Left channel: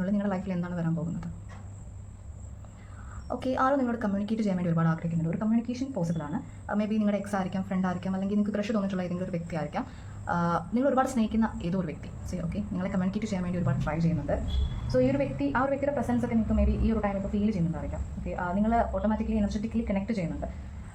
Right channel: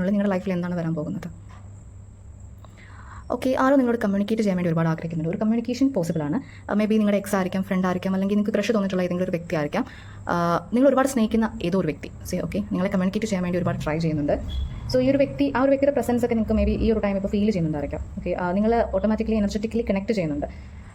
അവേഴ്സിനുള്ളിൽ നിങ്ങളുടെ ലൈഫിൽ എന്താണ് വരാൻ പോകുന്നത്? ഓക്കെ, ആരോ നിങ്ങളോട് കമ്മ്യൂണിക്കേറ്റ് ചെയ്യാൻ വേണ്ടി ഒരുപാട് ആഗ്രഹിക്കുന്നുണ്ട്. ഒരു കമ്മ്യൂണിക്കേഷൻ പോസിബിൾ ആണ്. മേ ബി നിങ്ങളുടെ എക്സ് ആയിരിക്കാം, ഫ്രണ്ട് ആയിരിക്കാം, അല്ലെങ്കിൽ നിങ്ങൾക്ക് ക്രഷ് തോന്നിയിട്ടുള്ള ഏതെങ്കിലും ഒരു വ്യക്തി ആയിരിക്കാം. നിങ്ങൾ ഒരുപാട് സ്നേഹിക്കുന്ന ഏതോ ഒരു വ്യക്തി ഓക്കെ നിങ്ങളെ കമ്മ്യൂണിക്കേറ്റ് ചെയ്യാൻ വേണ്ടി ഒരുപാട് ട്രൈ ചെയ്യുന്നുണ്ട്. സോ ഈ ഒരു വ്യക്തി, ആ ഒരു വ്യക്തിയുടെ പ്രസൻസ് ഒക്കെ നിങ്ങൾക്ക് മേ ബി ഈ ഒരു ടൈം ഇപ്പോൾ ഫീൽ ചെയ്യുന്നുണ്ടായിരിക്കാം. ഓക്കെ, നിങ്ങൾ ഓട്ടോമാറ്റിക്കലി എനർജറ്റിക്കലി കണക്ട് ചെയ്യുന്നുണ്ട്.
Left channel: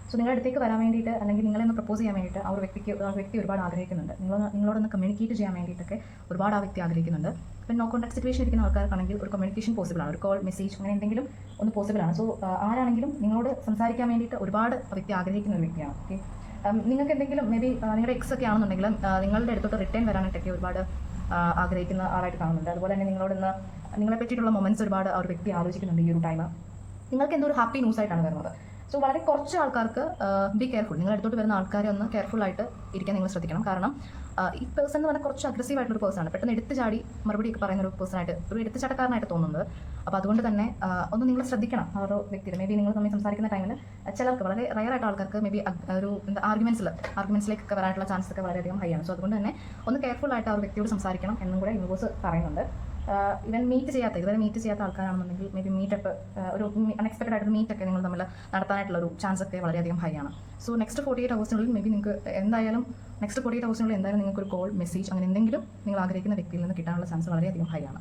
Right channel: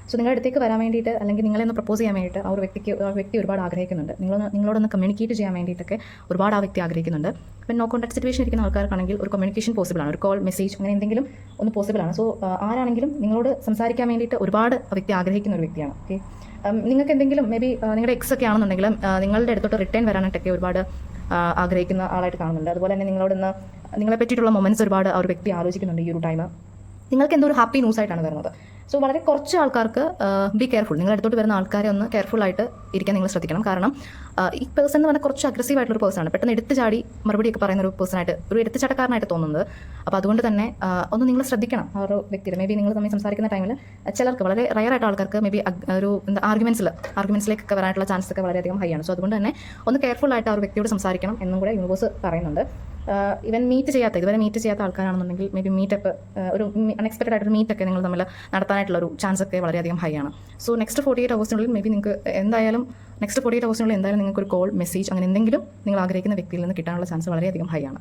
സോ നിങ്ങളുടെ അടുത്തേക്ക് വരാൻ വേണ്ടിയിട്ട്, അല്ലെങ്കിൽ നിങ്ങളെ ഒന്ന് പ്രപ്പോസ് ചെയ്യാൻ വേണ്ടിയിട്ട് ആ വ്യക്തി ഒരുപാട് ആഗ്രഹിക്കുന്നുണ്ട്. നിങ്ങളോടൊന്ന് കമ്മ്യൂണിക്കേറ്റ് ചെയ്യാൻ വേണ്ടിയിട്ടൊക്കെ ഒരുപാട് ആ വ്യക്തി ആഗ്രഹിക്കുന്നുണ്ട്. ഇപ്പം നോ കോൺടാക്ട് സിറ്റുവേഷൻ ഇരിക്കുന്ന ആൾക്കാർക്കാണെങ്കിൽ ഒരു കമ്മ്യൂണിക്കേഷൻ പോസിബിൾ ആണ്. ഒരു കോൾ, മെസ്സേജ്, അങ്ങനെ എന്തെങ്കിലും ഒന്ന് പോസിബിൾ ആണ്. സോ ആരാണെങ്കിലും നിങ്ങളോട് സംസാരിക്കാൻ വേണ്ടിയിട്ട് ഒരുപാട് ആ വ്യക്തി ആഗ്രഹിക്കുന്ന ഒരു വ്യക്തിയാണ്. ഓക്കെ, നിങ്ങൾക്ക് എന്തെങ്കിലും മേ ബി നിങ്ങളുടെ എക്സ് ഒക്കെ ആണെന്നുണ്ടെങ്കിലും നിങ്ങളുടെ അടുത്തോട്ട് റിട്ടേൺ വരാനായിട്ടൊക്കെ ഒരുപാട് ആഗ്രഹിക്കുന്ന ആളായിട്ട് കാണുന്നുണ്ട്. അതുപോലെ തന്നെ നിങ്ങളെ പറ്റിയിട്ടുള്ള മൊമെന്റ്സ് ഒരുപാട് ആ ഒരു വ്യക്തി ആലോചിക്കുന്നുണ്ട് ഈ ഒരു ടൈം. നിങ്ങൾക്ക് എന്തോ ഒരു ഹാപ്പി ന്യൂസ് ആയിട്ടാണ് വരുന്നത്. സോ വളരെ കുറച്ച് ആൾക്കാർക്ക് ബി കെയർഫുൾ. നിങ്ങളുടെ അടുത്തോട്ട് വരുന്ന ആൾക്കാരെ ഒന്ന് കെയർഫുൾ ആയിട്ട് ഇരിക്കാൻ നിങ്ങൾ ശ്രദ്ധിക്കണം. കാരണം ഈ പേഴ്സൺ എന്ന് പറഞ്ഞാൽ കുറച്ച് അഗ്രസീവ് ആയിട്ടുള്ള ഒരു പേഴ്സണാണ്. പെട്ടെന്ന് എടുത്ത് ചാടി മറുപടിയൊക്കെ പറയുന്ന ഒരു പേഴ്സണായിട്ട്, ഒരു എടുത്തുചാട്ടക്കാരനായിട്ട് തോന്നുന്നത്. അപ്പോൾ അതുകൊണ്ട് തന്നെ ഒന്ന് നിങ്ങൾ ശ്രദ്ധിക്കണം ആ ഒരു വ്യക്തിയുടെ. മേ ബി നിങ്ങൾ തമ്മിൽ സംസാരിക്കുന്ന ടൈമിൽ ചിലർക്ക്, വളരെ റയറായിട്ട് ആൾക്കാർക്ക് മേ ബി ഒരു ആർഗ്യുമെന്റ്സിലേക്കൊക്കെ വരാനുള്ള ചാൻസ് ഒക്കെ വളരെയധികം ഹൈ ആണ്. സോ അതുകൊണ്ട് തന്നെ ഒന്ന് കെയർഫുൾ ആയിട്ട് ആ ഒരു വ്യക്തിയോട് സംസാരിക്കണം എന്നും കൂടെ യൂണിവേഴ്സ് പറയുന്നുണ്ട്. ഇതുവരെ മീറ്റ് ചെയ്യാത്ത ആൾക്കാരാണെന്നുണ്ടെങ്കിൽ മേ ബി മീറ്റപ്പ്, ഒരു അൺഎക്സ്പെക്റ്റഡ് ആയിട്ടൊരു മീറ്റൊക്കെ നിങ്ങൾ തമ്മിൽ നടത്താനായിട്ടുള്ള ഒരു ചാൻസ് ഒക്കെ വളരെയധികം ഹൈ ആണ്. സോ നെക്സ്റ്റ് 48 അവേഴ്സിനുള്ളിൽ മേ ബി നിങ്ങൾക്ക് എന്തായാലും നിങ്ങൾക്ക് ഒരു കോൾ, മെസ്സേജ്, അങ്ങനെ എന്തെങ്കിലും നിങ്ങൾ ആഗ്രഹിക്കുന്ന വ്യക്തിയിൽ നിന്ന് കിട്ടാനുള്ള ചാൻസ് വളരെയധികം ഹൈ ആണ്.